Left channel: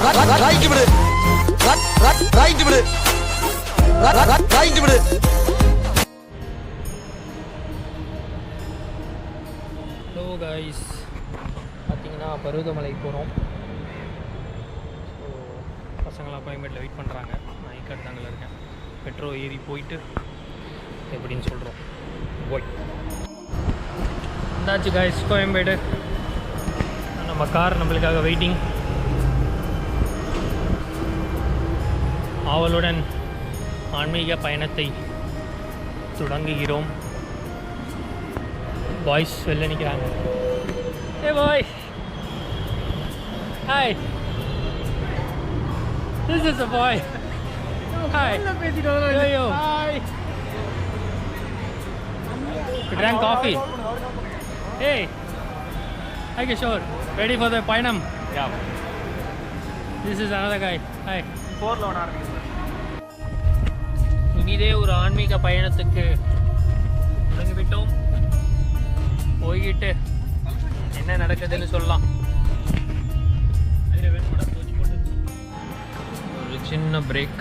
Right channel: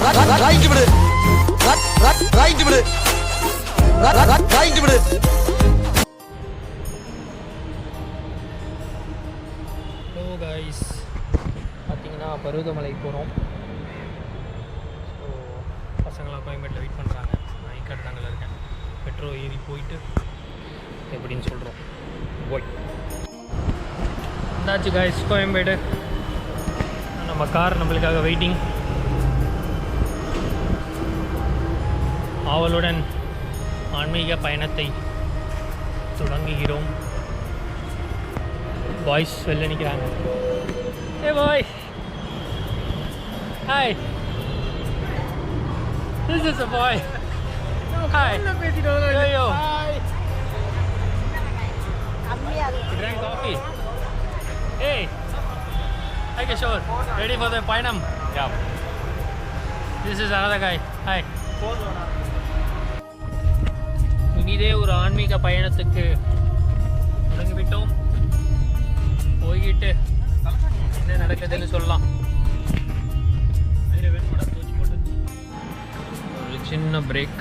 Right விடு right விடு right விடு. ஹலோ கைஸ், பார்த்தீங்கன்னா பருவதமலை போகிறோம். ஸோ பசங்களாம் கோயம்பேட்டில் வெயிட் பண்ணுறாங்க. நான் ஈக்காடு தாங்கல இருக்கேன். மெட்ரோ ஏறி போயிட்டு எப்படின்னு சொல்கிறோம். போய் இருந்தாச்சு கைஸ் கோயம்பேடு. நம்ம கார் நம்மளுக்காக வெயிட்டிங். ஆவலுடன் ஆன்மீக பயணத்தை தொடங்குகிறோம். பாய்ஸ் வெளில நிற்கிறாங்க. A boy, hi, this is a boy. Hi, yo hi. You drank coffee? Hey, hi Kishore, ready for the payanam? Yeah. This is another guy. Hi. 4 loan ஆரம்பிச்சு. இனிதே ஒரு ஆன்மீக பயணத்துக்கு தொடங்கிவிட்டோம். போய்கிட்டு என்ன நடக்குதுன்னு சொல்லலாம். ஒரு சின்ன பிரேக்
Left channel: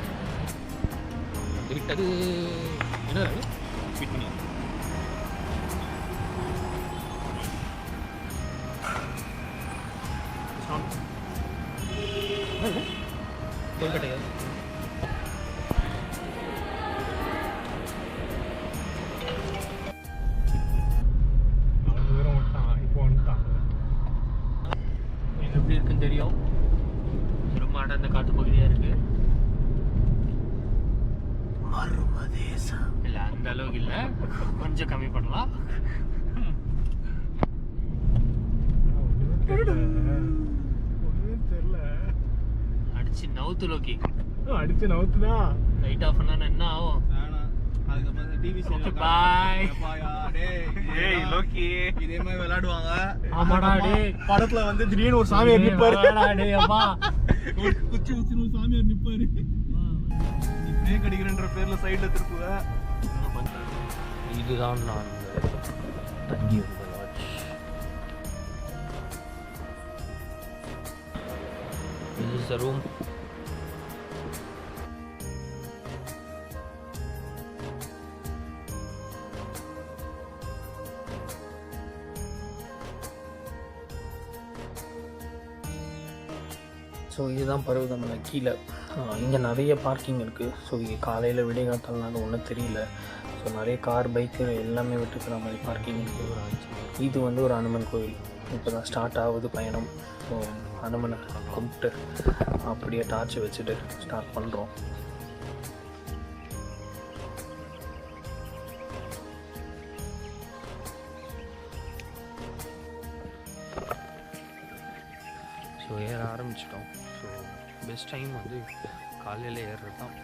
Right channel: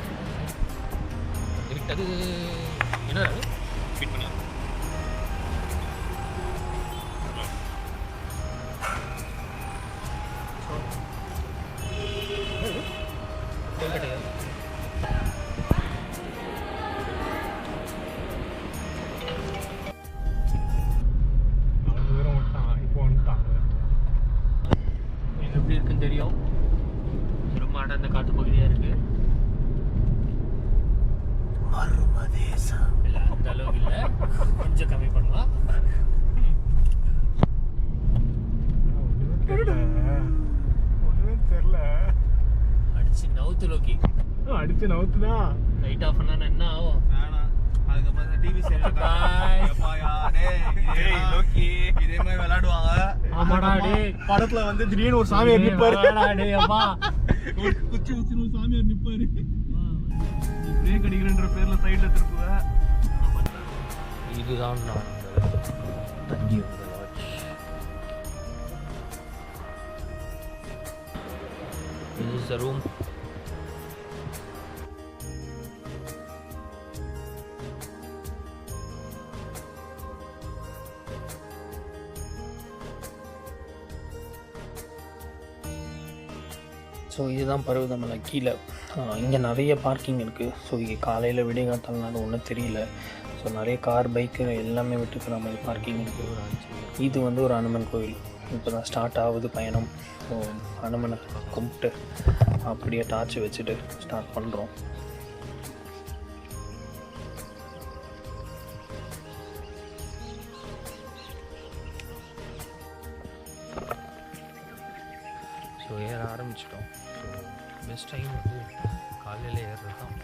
விட்டது. என்ன ஃபிட் பண்ணி கொல்கட்டையா? எப்படி இருக்குன்னு தெரியும். ரொம்ப அடர்ந்த காட்டு பகுதியாக இருக்கு. இல்லை அந்த அளவுக்கு இல்லை, கொஞ்சம் கம்மி பண்ணலாம். அடிச்சு நவுத்து லோக்கி, அடிச்சு நவுத்துதான். லைட் ஆஃப் பண்ணா என்ன ஆகும்? விளையாடுவாங்க. ஆமாடா டேய், படத்துல வந்து திடீர்னு ஒரு சாமியார் நிப்பாரு. குச்சி வச்சு ஒரு சாமியார் நிப்பாரு. பிரேக் அடிக்கிறன்ற பேர்ல சைடுல திருப்புவேன். இதுதான் நான் தங்கி வந்த lodge. This is the room. So இதுதான் பருவதமலை கீழே. இங்கே நிறைய பார்க்கிங் இருக்குது. ஸோ இங்கே காலையில் விடியகாத்தாலும் ஒன்றும் தெரியல. ஸோ நிறைய கார் பைக்கு எல்லாமே விட்டுக்கிற மாதிரி பார்க்கிங் இருக்குது. இது வந்து ஒரு அனுமன் கோயில். இப்போ தான் ஸ்டார்ட் ஆகுது பயணம். ஸோ அனுமனை கும்பிட்டு அப்படியே டார்ச் வச்சுட்டு ஸ்டார்ட் பண்ணுறோம். ஸோ ஏற ஆரம்பிச்சிட்டோம். ஸோ பெஸ்ட் டைம் வந்து காலையில் ஏறுறது தான்.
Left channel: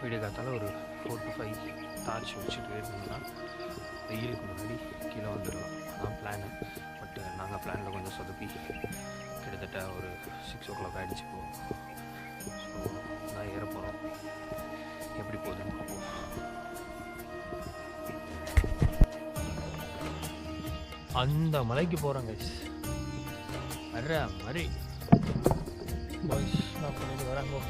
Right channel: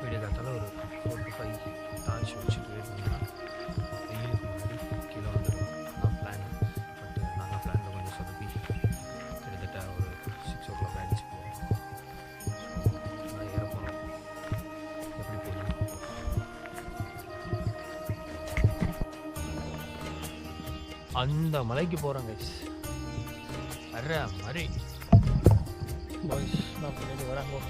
வீடியோ காத்தால ஒரு 4 to 5 டார்ச் வச்சுட்டு ஏறினீங்கன்னா வெயிலுக்கு முன்னாடி கீழே வந்துடலாம். அதான் பிளானு. பட் நாங்கள் பிளானில் கொஞ்சம் சொதப்பி கிட்டத்தட்ட ஒரு 6 o'clock ஆகிடுச்சு போகிறோம். ஸோ நான் ஏற போகிறோம். எப்படி போகுதுன்னு பார்ப்போம். அந்த மலைக்கு போகிறோம் கைஸ். வர்ற மாதிரி பாய்ஸ் நான் பண்ணிட்டு வராங்க.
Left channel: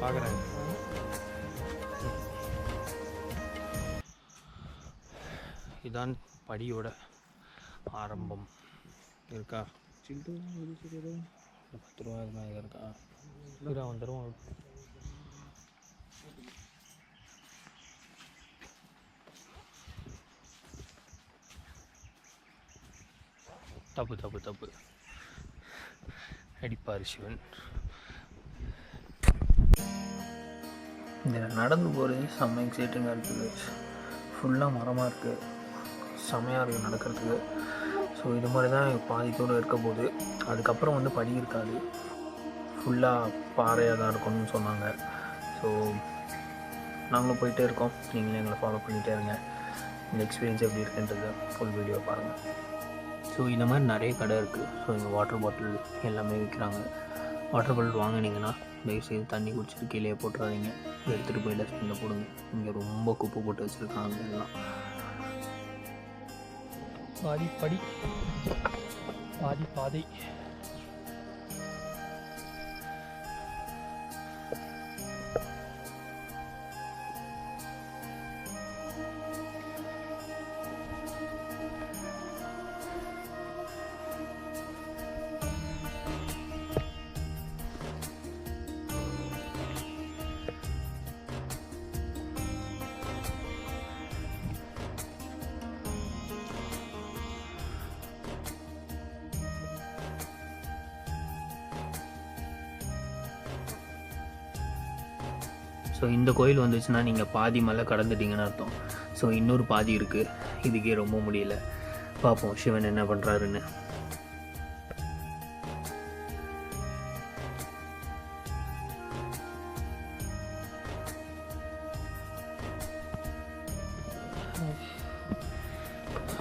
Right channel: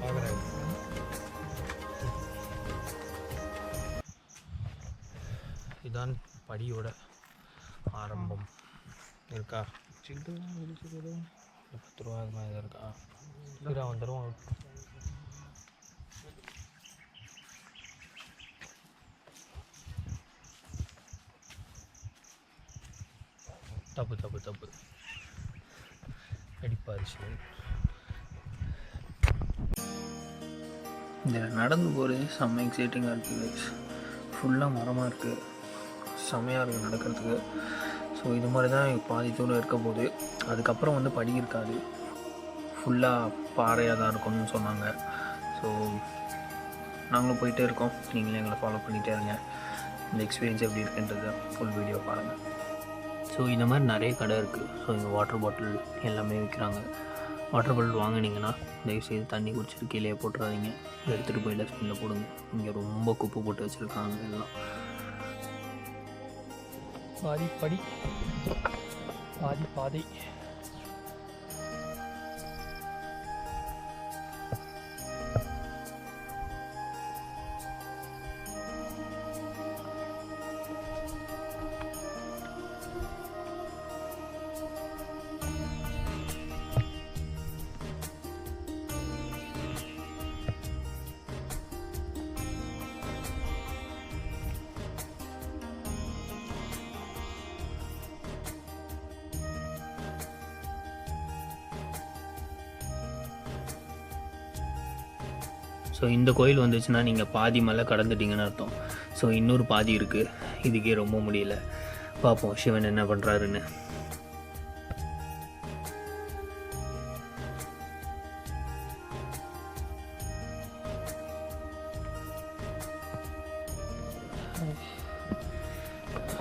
பார்க்குறேன். இதான் படியோட ஆரம்பம். இருக்கா சில்லு 10 ரூபா அது மாதிரி இருக்கா? இருக்கா வந்துடும். தப்பு தப்பு தப்பு அடிப்பார் சிவன். இதில் நடந்து போகிறது செம்ம எக்ஸைட்டிங்காக இருக்குது. ஃபுல்லாக மரமாக இருக்குது. செம்மையாக இருக்குது நடக்கிறதுக்கு. ஸோ இது மாதிரி தான் பாதி தூரம் இருக்க போது. அதுக்கப்புறம் வந்து படி இருக்காது, ஃபுல்லாக பாறையாக தான் இருக்கும்னு சொன்னாங்க. ஸோ நாங்களும் போயிட்டே இருக்கோம். நீங்களும் எங்களை ஃபாலோ பண்ணிகிட்டே இருங்க. இந்த எக்ஸ்பீரியன்ஸ் எப்படி இருக்குன்றதை ஃபுல் வீடியோ பாருங்கள். ஸோ இந்த மாதிரி நிறைய கடை இருக்குது. ஸோ இங்கே வாட்டர் பாட்டில் எல்லாமே விற்கிறாங்க. வாட்டர் பாட்டில் வாங்கினீங்கன்னா தயவுசெய்து தண்ணி குடிச்சிட்டு கீழே போட்டுறாதீங்க, எடுத்துகிட்டு போய் டஸ்ட்பினில் போடுங்க. இங்கே ரொம்ப குப்பை போட்டு வச்சுருக்காங்க எல்லாம். பாதி படி பாதி பாதை. ஸோ இந்த கோயில் வந்துச்சுன்னா நீங்கள் பாதி மலை கடந்துட்டீங்கன்னு அர்த்தம். ஸோ இன்னொரு பாதி இருக்குது, இதுக்கே ரொம்ப முடியல. பார்ப்போம் சிவன் என்ன பண்ணுறாருன்னு.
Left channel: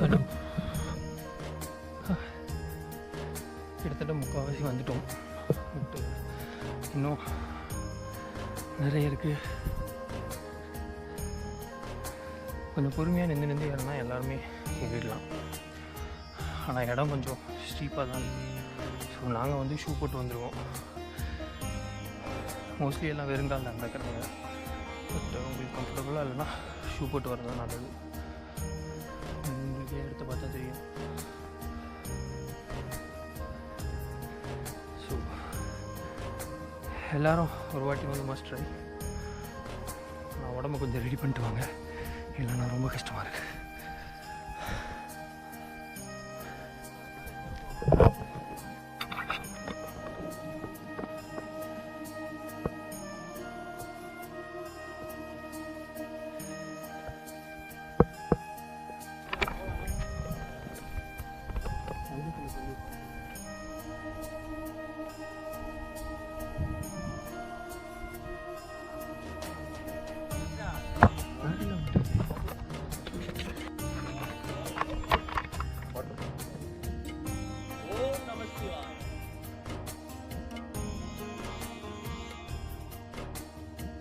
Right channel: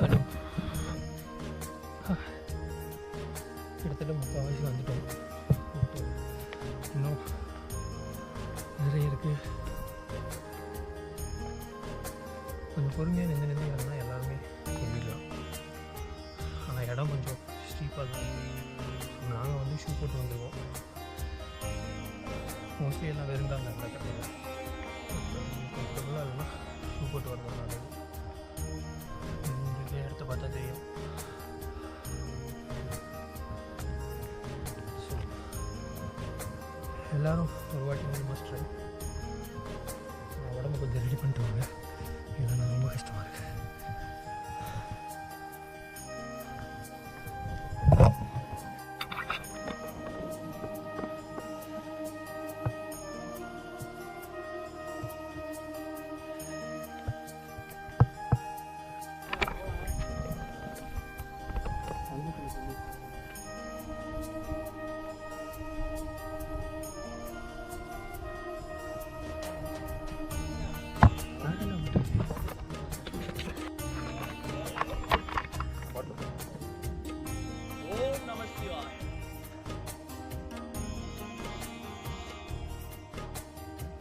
ஹலோ, கிட்டத்தட்ட முக்கால்வாசி வந்துட்டோம். பட் இன்னும் நிறைய இருக்குது. கொஞ்சம் பொறுமையாக நின்று ஏறினா எல்லாருமே போயிடலாம். ஆனால் இடம் கொஞ்சம் ஸ்டீப்பாக தான் இருக்குது. ஸோ நாங்கள் வந்து ஷூ போட்டு வந்துடுவோம். மோஸ்ட்லி எல்லாம் வெறுங்காலில் நடக்கிறாங்க. பட் உங்களுக்கு கம்ஃபர்டபுளாக இல்லைன்னா ஷூ போட்டு வரது தான் நல்லது. உங்களுக்கு இடத்த பார்த்தா தெரியும். ஸோ எல்லோரும் ஒரு வாட்டி வந்து மஸ்ட் ட்ரை. நான் உடம்பு கொஞ்சம் ரெடி பண்ணிட்டு வாங்க, இல்லைன்னா ரொம்ப கஷ்டமாக இருக்குது.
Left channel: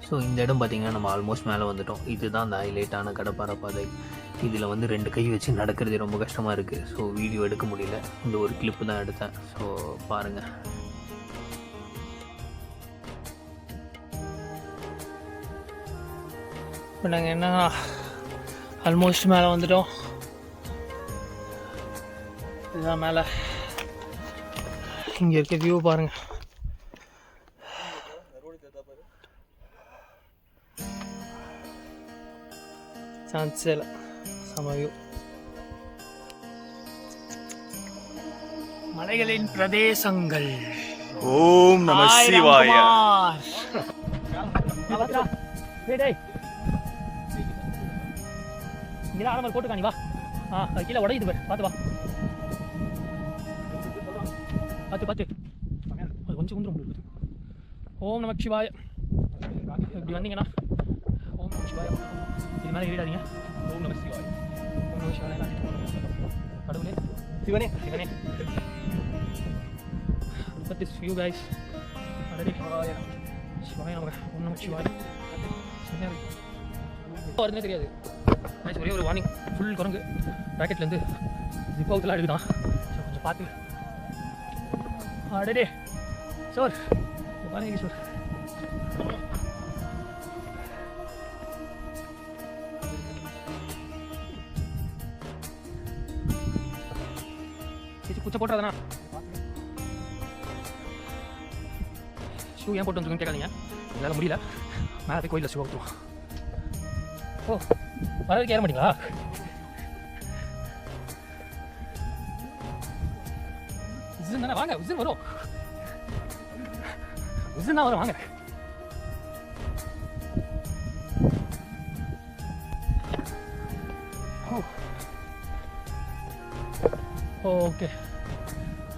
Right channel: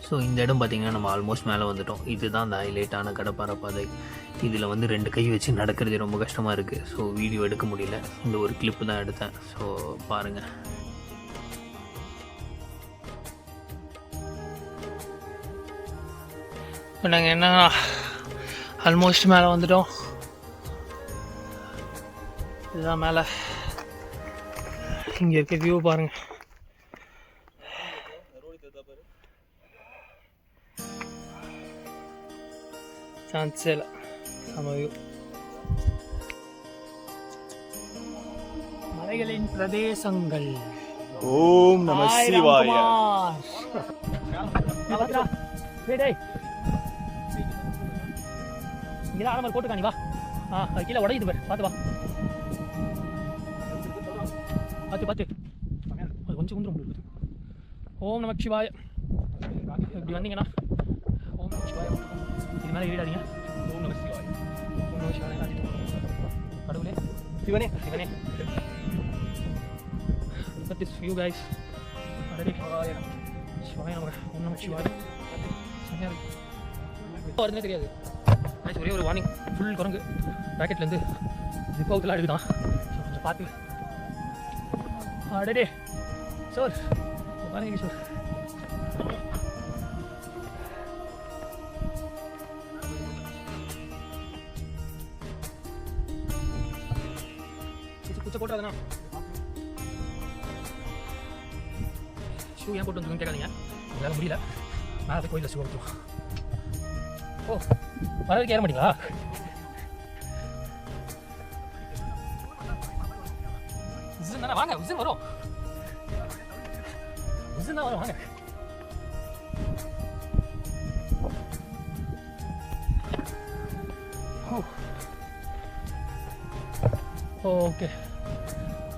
ஸோ இந்த இடம் பார்த்திங்கன்னா நம்ம ஆல்மோஸ்ட் மேலே வந்துட்டோம். இதுதான் அந்த ஹைலைட்டான கடப்பாறை பாதை. இதில் வந்து 2 கை வச்சு நடக்கிறது ரொம்ப கஷ்டமாக இருக்குது. ஸோ வீடியோ எடுக்க முடியல, இந்த ஒரு கிளிப்பு தான் எடுத்தேன். ஸோ பாருங்கள். இப்போ நாங்கள் என்ன ஆல்மோஸ்ட் மேலே வந்துட்டோம். இதுதான் மேலே. இங்கே இருக்க வியூ பாருங்கள். சான்ஸே இல்லை, செம வியூ. மலைகளின் பிரதேசங்கள். ஓம் நம சிவாய. இங்கே ஆரம்பம் போட்டுக்கா, நீ வா. கீழே உடையுது பாரு, பார்த்து வா. பார்த்து அது கொஞ்சம் குந்துரும் உங்களுக்கு. ஓம் நம சிவாய. இப்படி வந்தீங்கன்னா ஓம் நம சிவாய. இது மேலே ஏறிடாதீங்க. ஓம் நம சிவாய. ஓம் நம சிவாய. கடவுளே, சிவனே சிவனே. Look at this view guys. அடடே, சிவாய நமக. ஓம் நம சிவாய. செமையா இருக்கு. வருதுன்னே தெரியாது. ஒரே ஒரு வார்னிங், ஃபுல் குரங்கு பேக்கெட்லேருந்து ஜிப் அவுட்லாம் எடுக்குதான். ஸோ கொஞ்சம் பார்த்து. அடடே சார், பாருங்க சார். குச்சை போட்டுறதுண்ணா. ஷூ ஏன் போட்டு வந்துருக்குன்னு கேட்காதீங்க, எங்களால் முடியல. மேலே போய் கோயிலில் ஷூ அவுத்துவோம். ஓ, வரதுக்கு ஏற மாட்டீங்களா? விசில் தானே, வாங்க. விசில் வரும், விசில் தான் வரும், வாங்க. ஓகே,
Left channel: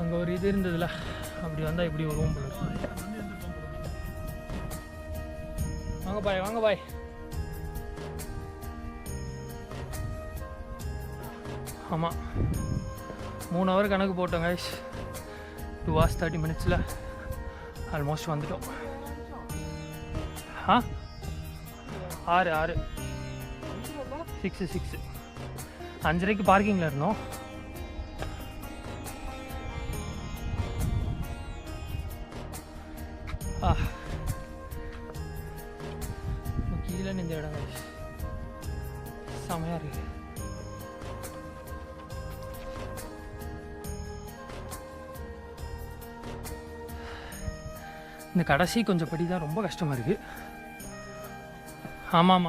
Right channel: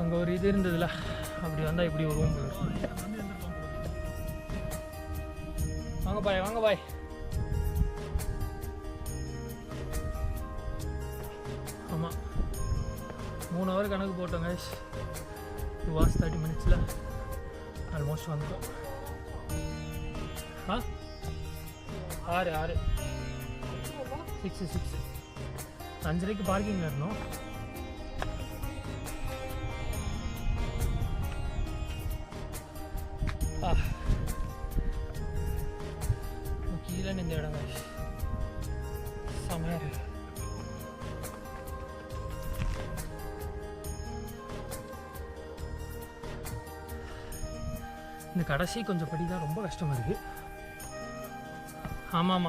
அங்கே ஒரு இது இருந்ததுல, அப்படி வந்தால் இப்படி ஒரு ரூம் போல. வாங்க பாய், வாங்க பாய். ஆமாம் 3 ஹவர் கணக்கு போட்டோம் கைஸ். 2 hours 30 minutes ஆல்மோஸ்ட் வந்துட்டோம். 6 6 5:30 பார்க்கிங்கில் இருந்தோம். கீழே இந்த இடம் கைஸ் செமையாக இருக்கு. இந்த கடைசி கொஞ்சம் படி தான் ரொம்ப கஷ்டமாக இருக்குது. ஆமாம்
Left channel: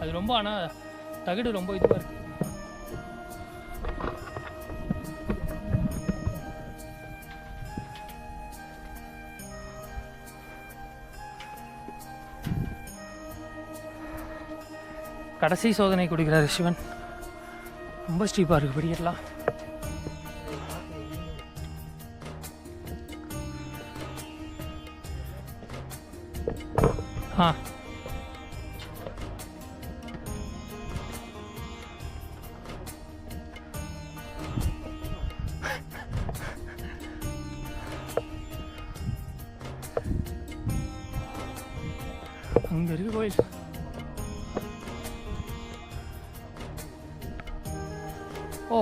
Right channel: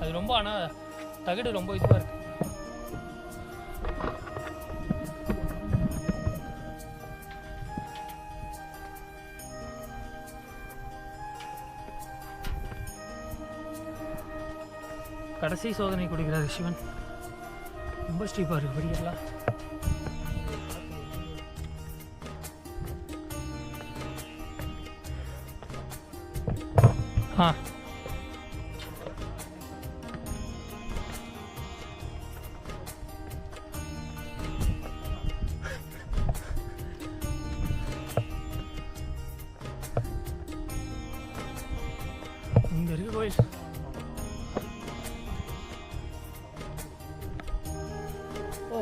அது ரொம்ப, ஆனால் தகடு ரொம்ப இதுவாக இருக்குது. கடைசி சோதனை கொடுக்குறாரு சிவன். ரொம்ப ஸ்டீப்பாக இருக்குது படிக்கட்டலாம். அங்கே இருக்கு கோயில். ஓ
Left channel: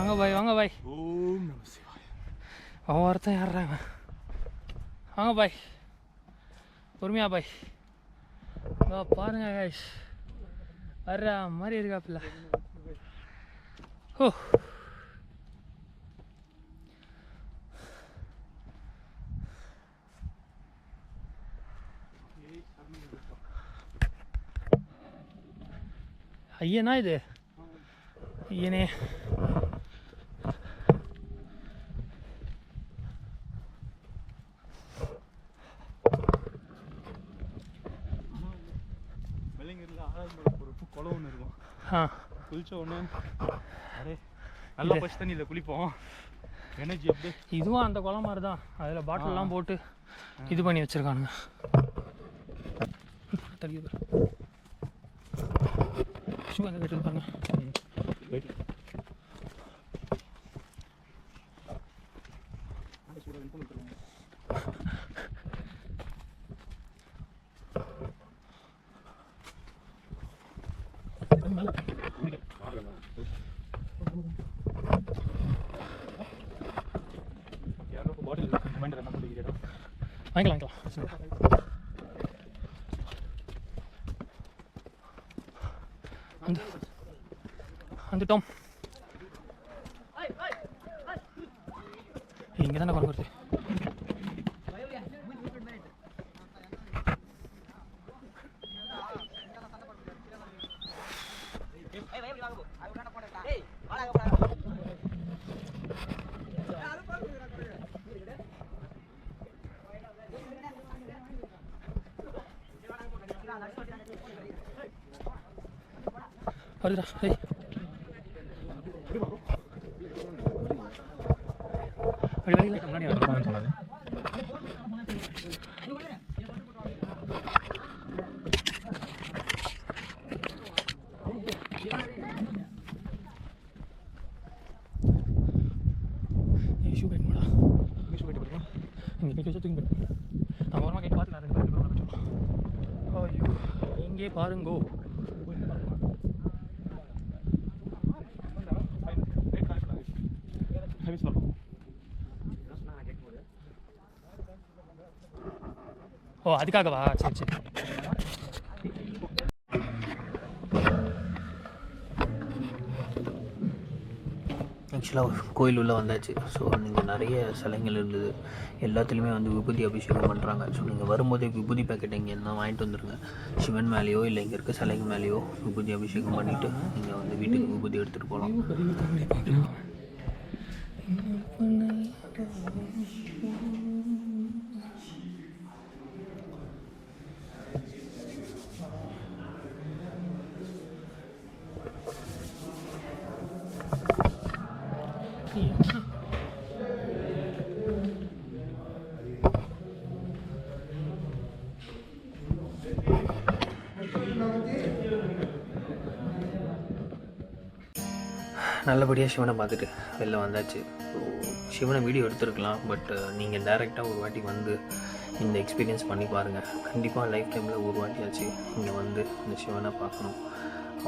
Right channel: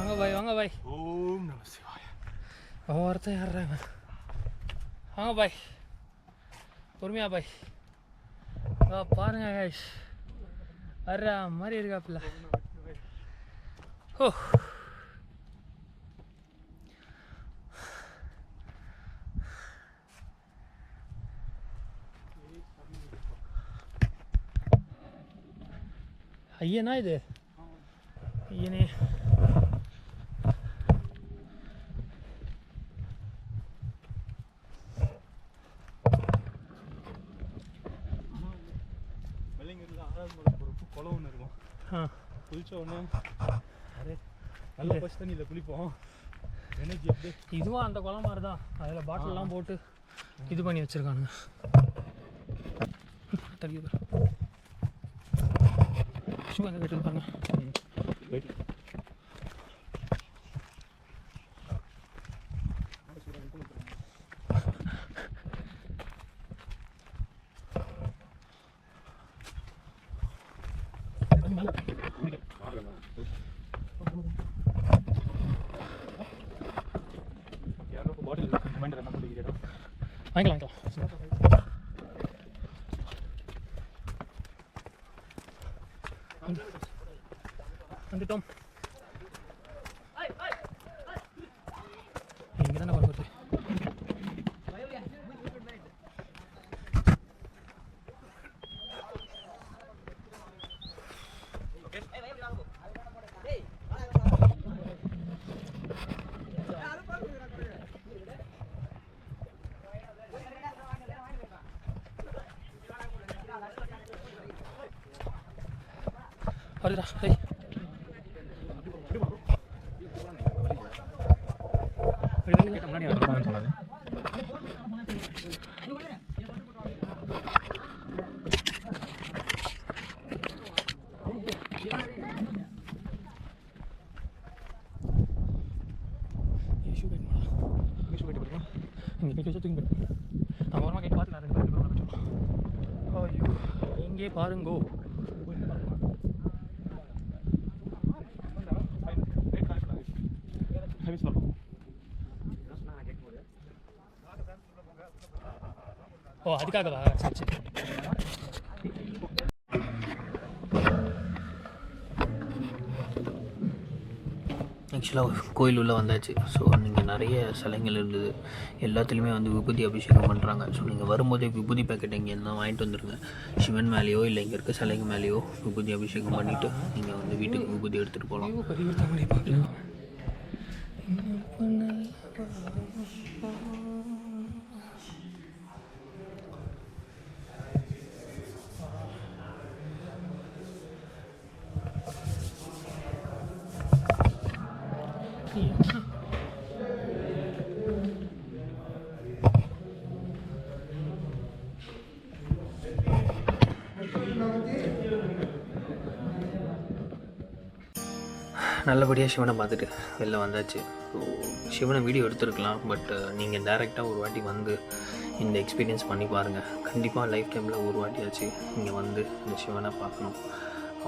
வாங்க பாய். ஓம் நம சிவாய. அவன் ஒருத்தன் யாருறாங்க. வாங்க பாய், பொறுமையா பாய். பாருங்க கைஸ், வர்ற மாதிரி இருக்காப்புல. ஓ ஐயனா இது ஐயனே. வெள்ளைங்கரில் 6வது மலை போகிறப்போ குளம் ஒன்று இருக்கும். குளிச்ச உடனே அரே நல்லா பச்சை தண்ணியில் குளிப்போம். எனர்ஜி அப்படியே. இதுவும் அந்த குளம் மாதிரி தான். அதில் பாட்டிலெலாம் போட்டு இது பண்ணி வச்சுருக்கானுங்க. தள்ளி ஷூ அங்கே கட்டி பாருங்க. வாங்கிக்கலாம் வந்துட்டோம். இங்கே தானே கொண்டு வருது. வருதுடா. இங்கே பாருங்கோ. ஓ அதுக்காகவா? சரி சரி. ஆக்சுவலாக கோயில் உள்ளே வந்தாச்சு. ஸோ நீங்கள் நிறைய சிலைகள் இருந்தது. எல்லாத்துலேயுமே வந்து விபூதி அபிஷேகம் பண்ணுறாங்க. ஸோ நீங்கள் வரும்போதே விபூதி பேக்கெட் இங்கே என்ன வாங்கிட்டு வந்துடுங்க. சிவன் மேலேயோ இல்லை இங்கே இருக்க சிலைங்க மேலேயோ விபூதி அபிஷேகம் பண்ணிவிட்டு நீங்கள் வந்து வீட்டுக்கு விபூதி எடுத்துகிட்டு போகலாம். நல்லபடியாக சிவனை பார்த்துட்டு வெளில வந்தாச்சு. ஸோ சிவனை வீடியோ எடுத்துருக்கலாம், பட் நீங்கள் டைரெக்டாக ஒரு வாட்டி வந்து இந்த எக்ஸ்பீரியன்ஸ் பண்ணி பாருங்கள். கண்டிப்பாக லைஃப் டைமில் ஒரு வாட்டியாச்சு இங்கே வந்து இந்த சிவனை பார்க்கணும்.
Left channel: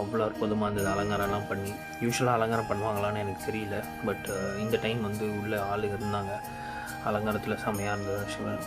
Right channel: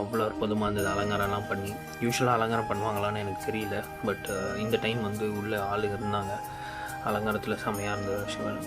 அவ்வளோ அற்புதமாக இருந்தது. அலங்காரம்லாம் பண்ணி, யூஸ்வலாக அலங்காரம் பண்ணுவாங்களான்னு எனக்கு தெரியல, பட் இந்த டைம் வந்து உள்ளே ஆளுங்க இருந்தாங்க. அலங்காரத்தில் செம்மையாக இருந்தது சிவன்.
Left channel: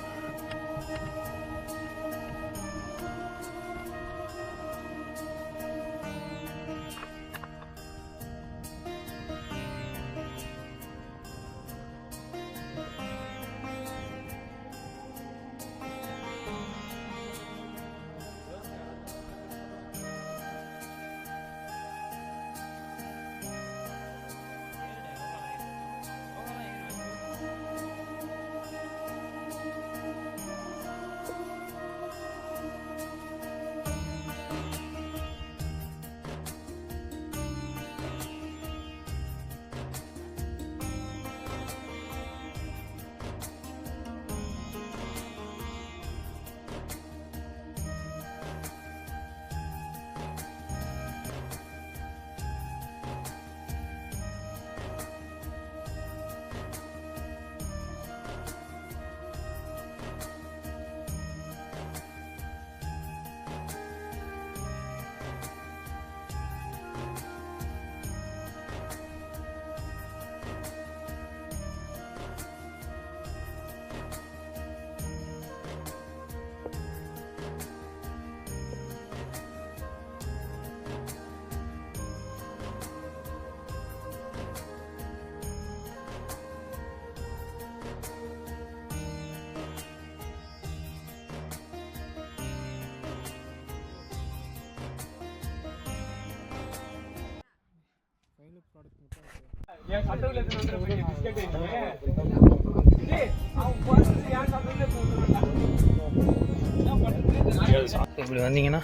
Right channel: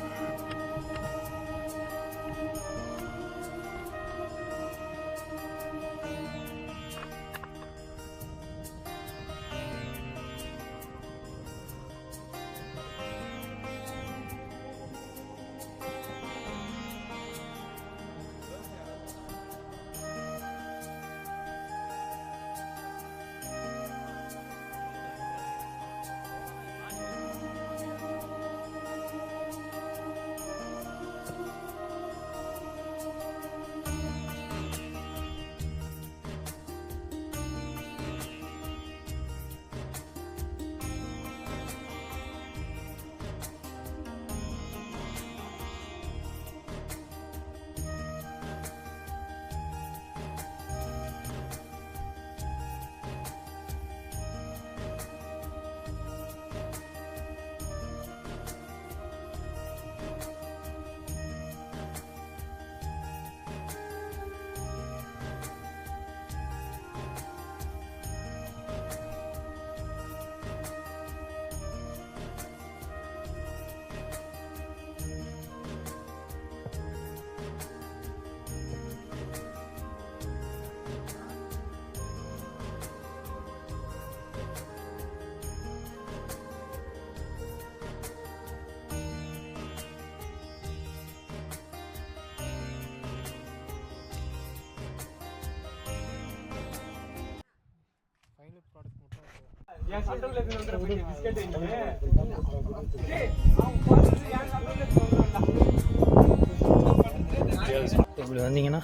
இப்படி வந்தீங்கன்னா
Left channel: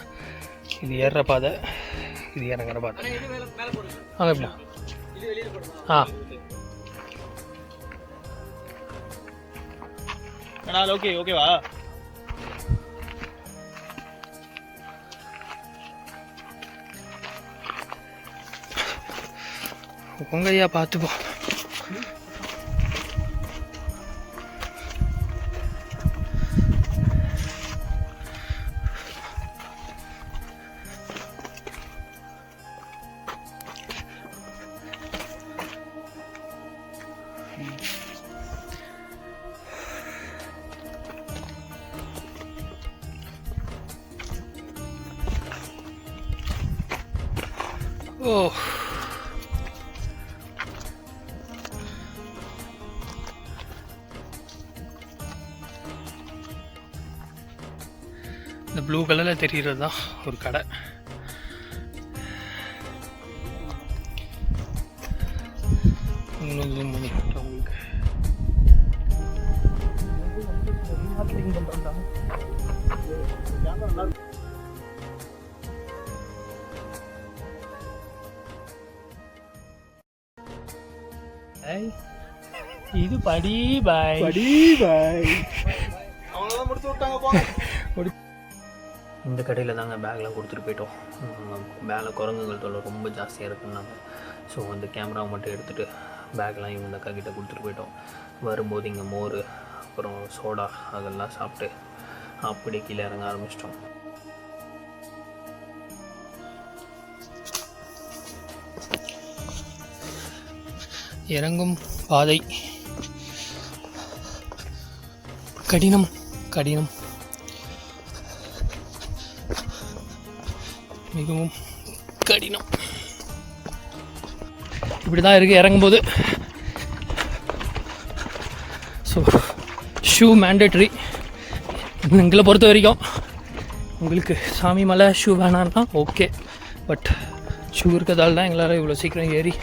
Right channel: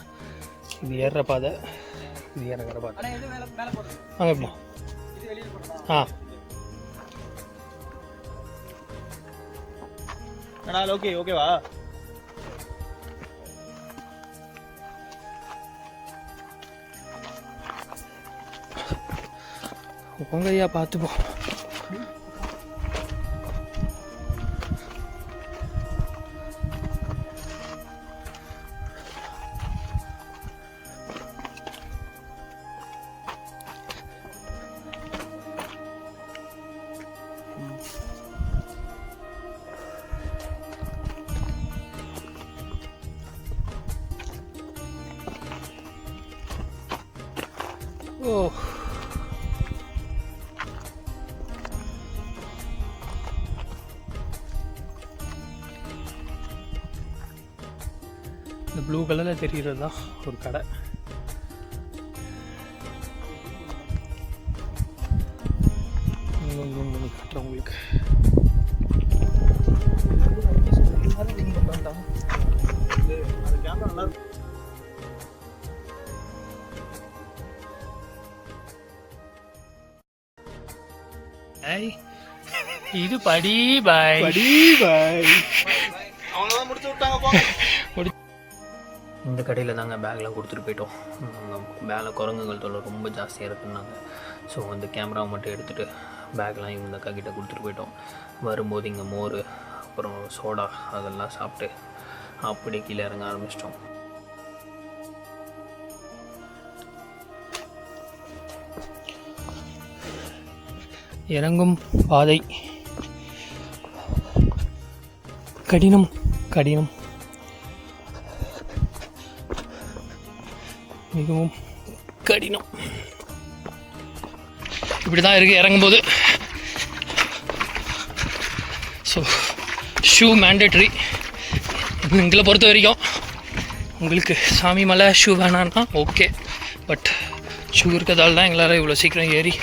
இது ஏறுற பாதை, இது இறங்குற பாதை. வாங்க எப்படின்னா ஓகேவா? உங்க ஐயா பார்த்துப்போம். ஓ, இந்த ப்ளூ கலரில் தெரிகிறது தான் ஒரு கடை. இன்னும் ஜூம் பண்ணி காட்டுறேன் உங்களுக்கு. இது படி பாய், படி பாய். இந்த கடையில் தாங்க பேக்லாம் கொடுத்துட்டு போயிட்டோம். பேக்கில் குரங்குகள் தொல்லை ரொம்ப ஜாஸ்தியாக இருக்குன்னாங்க. ஸோ அந்த கேமராவை மட்டும் எடுத்துகிட்டு பேக்லாம் இவங்க அக்கா கிட்டே கொடுத்துட்டு போயிட்டோம். வரும்போது இங்கே மோர், அப்புறம் சோடா அதெல்லாம் சாப்பிட்டு அப்படியே கீழே இறங்க ஆரம்பிச்சிட்டோம். இறங்கும் பாதை கடினம் கடினம், மிகவும் கடினம். இப்படி தான் இருக்குது இறங்கும்போது. ஸோ ஷூ மேண்டேட்ரி எங்களை பொறுத்த வரைக்கும். உங்களுக்கு சாமி மலை ஷூ வேணான்னா ஓகே, பட் ஷூ இருக்கிறதால தான் எங்களால் இவ்வளோ சீக்கிரம் ஏறி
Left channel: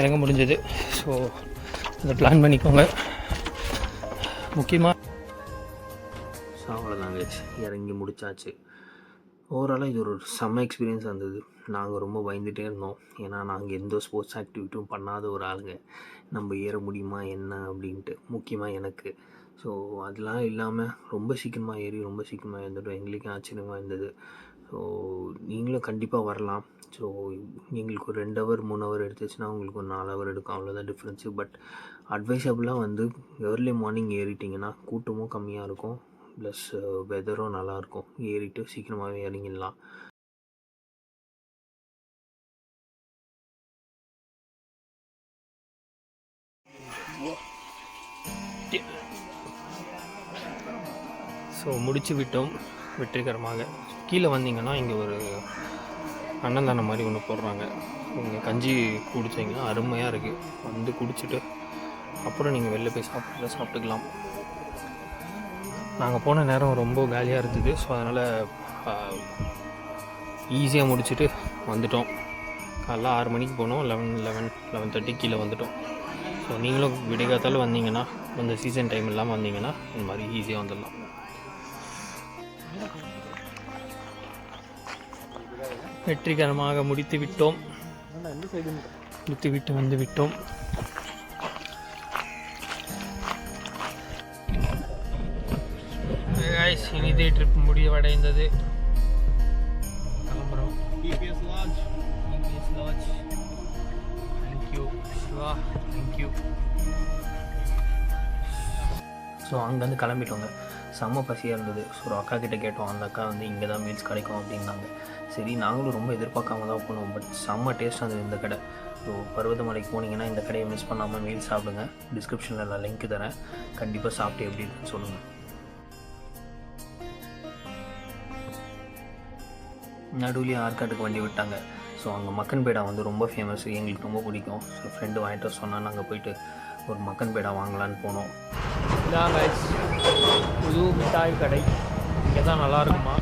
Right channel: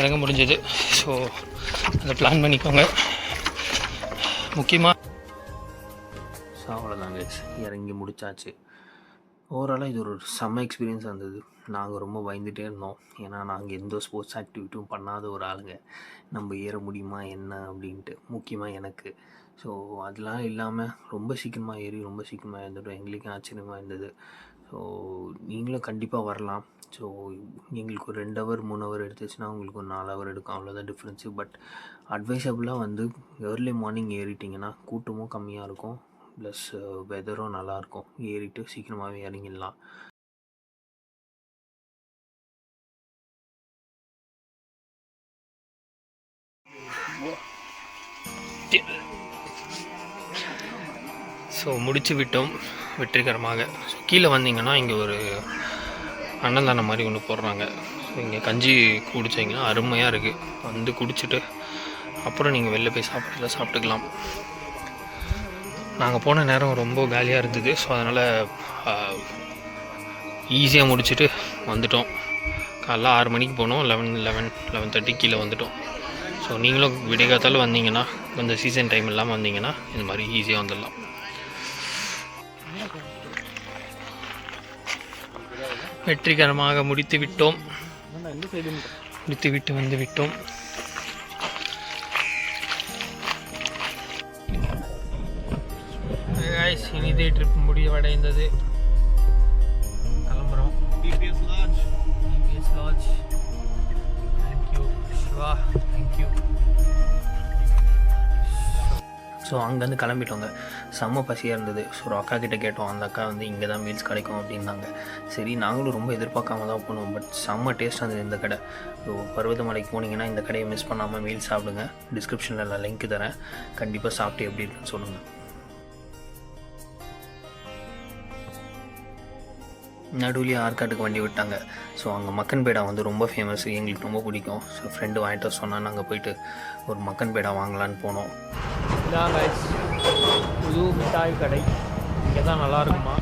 இறங்க முடிஞ்சது. ஸோ அதை பிளான் பண்ணிக்கோங்க முக்கியமாக. ஸோ அவ்வளோதாங்க, இறங்கி முடிச்சாச்சு. ஓவராலாக இது ஒரு செம்ம எக்ஸ்பீரியன்ஸாக இருந்தது. நாங்கள் ரொம்ப பயந்துகிட்டே இருந்தோம், ஏன்னா நாங்கள் எந்த ஸ்போர்ட்ஸ் ஆக்டிவிட்டியும் பண்ணாத ஒரு ஆளுங்க. நம்ம ஏற முடியுமா என்ன அப்படின்ட்டு, முக்கியமாக எனக்கு. ஸோ அதெல்லாம் இல்லாமல் ரொம்ப சீக்கிரமாக ஏறி ரொம்ப சீக்கிரமாக இருந்துட்டோம். எங்களுக்கே ஆச்சரியமாக இருந்தது. ஸோ நீங்களும் கண்டிப்பாக வரலாம். ஸோ எங்களுக்கு ஒரு 2 ஹவர் 3 ஹவர் எடுத்துச்சுன்னா உங்களுக்கு ஒரு 4 ஹவர் எடுக்கும், அவ்வளோதான் டிஃப்ரென்ஸு. பட் அட்வைசபிளாக வந்து ஏர்லி மார்னிங் ஏறிட்டிங்கன்னா கூட்டமும் கம்மியாக இருக்கும், ப்ளஸ் வெதரும் நல்லாயிருக்கும். ஏறிட்டு சீக்கிரமாகவே இறங்கிடலாம். ஸோ முடிச்சு விட்டோம் வெற்றிகரமாக. ஸோ கீழே வந்தீங்கன்னா இங்கே ஒரு அன்னதானம் மாதிரி ஒன்று போடுறாங்க. ஸோ இங்கே கஞ்சி குடிச்சிங்கன்னா அருமையாக இருக்குது. வந்து குடிச்சிட்டு அப்புறம் நீங்கள் வெளில போய் சாப்பிட்றத சாப்பிட்டுக்கலாம். நாங்கள் போன நேரம் ரொம்ப காலியாக இருந்தது. ஸோ அதனால் ஈஸியாக முடிச்சுட்டு வந்துட்டோம். காலைல 6 மணிக்கு போனோம், 11:30 கீழே வந்துட்டோம். ஸோ நீங்களும் விடிகாத்தால் வந்தீங்கன்னா, இந்த சீசன் டைம் இல்லாமல் வந்தீங்கன்னா இந்த மாதிரி ஈஸியாக வந்துடலாம். வெற்றிகரமாக முடித்து விட்டோம். முடித்துவிட்டு வந்து விட்டோம். இனிதே ட்ரிப் முடிவடைந்தது. கிளம்புறோம். TBS lodge. Thank you Siva, thank you. So அங்கேருந்து கிளம்பிட்டோங்க. செம்ம பசியாக இருந்தது. ஸோ ஒரு அக்கா கிட்டே கேட்டோம். அந்த அக்கா வந்து இங்கே தான் மீல்ஸ் கிடைக்கும் அப்படின்னாங்க. சரி நாங்களும் ரொம்ப எதிர்பார்க்காம தான் போனோம். பட் செம்ம டேஸ்ட்டாக இருந்தது இந்த கடை. ஸோ பர்வதமலைக்கு போனீங்கன்னா இந்த கடையை மிஸ் பண்ணாமல் மீல்ஸ் சாப்பிடுங்க. டிஸ்கிரிப்ஷனில் நான் லிங்க் தரேன். கண்டிப்பாக சாப்பிட்டு எப்படி இருக்குன்னு சொல்லுங்கள். நடுவுலேயே ஆற்காட்டுக்கு வண்டி விட்டாங்க. ஸோ அங்கே மக்கன் பேடா வந்து ரொம்ப ஃபேமஸ், எங்களுக்கு ரொம்ப பிடிக்கும். ஸோ ஃப்ரெண்டு வாங்கிட்டு வர சொன்னால் நாங்கள் போயிட்டு ஒரு மக்கன் பேடா வாங்கலான்னு போனோம். இதான் கைஸ் புது மிட்டாய் கடை. இங்கே தான் நல்லாயிருக்குமா.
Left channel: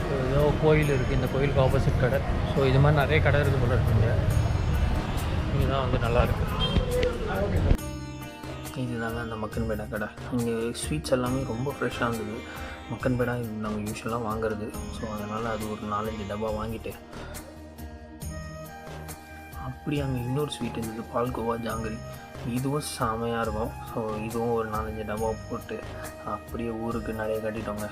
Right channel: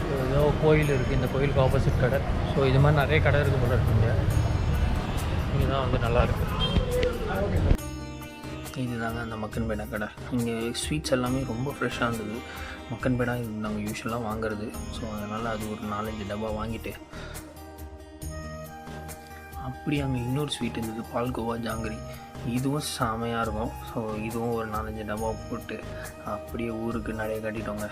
ஸோ ஏதோ கோயில் இருக்குது, இந்த கோயிலுக்கு ஆப்போசிட் கடை. ஸோ இது மாதிரி நிறைய கடை இருக்குது போல இருக்குங்க. இங்கே தான் வந்து நல்லாயிருக்கு. இதுதாங்க அந்த மக்கன் பேடா கடை. இங்கே ஸ்வீட்ஸ் எல்லாமே ரொம்ப ஃப்ரெஷ்ஷாக இருந்தது. மக்கன் பேடா இது நாங்கள் யூஸ்வலாக வாங்குறது. ஸோ அதனால் அது ஒரு 4-5 டப்பா வாங்கிட்டு, அப்படி அங்கே இன்னொரு ஸ்வீட் இருந்தது, பால்கோவா ஜாங்கிரி. இதுவும் செமையாக இருக்கும். ஸோ இதுவும் ஒரு 4-5 டப்பா போட்டு அப்படியே ஊருக்கு நிறைய கட்டிட்டோங்க.